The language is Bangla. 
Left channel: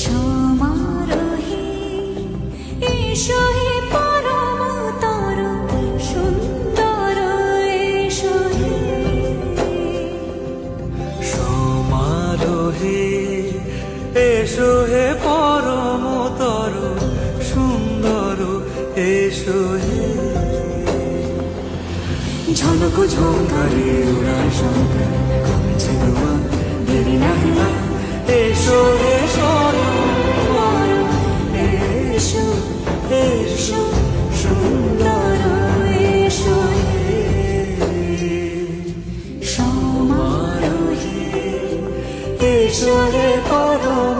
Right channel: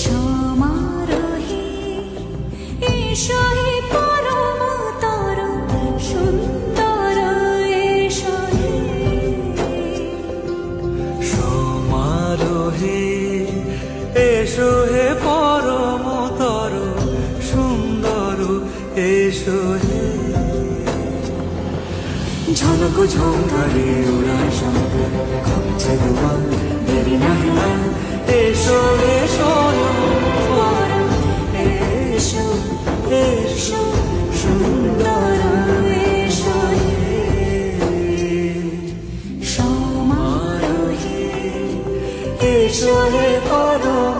সমারোহে এসো হে পরমতর সুন্দর এসো হে সমারোহে এসো হে পরমতর সুন্দর এসো হে ঝনক ঝঙ্কারে উড়ায় শঙ্কর কমেছে দুয়ার দেরি নাহি আর এসো এসো পরম এসো এসো সুন্দর এসো হে সমারোহে এসো হে পরম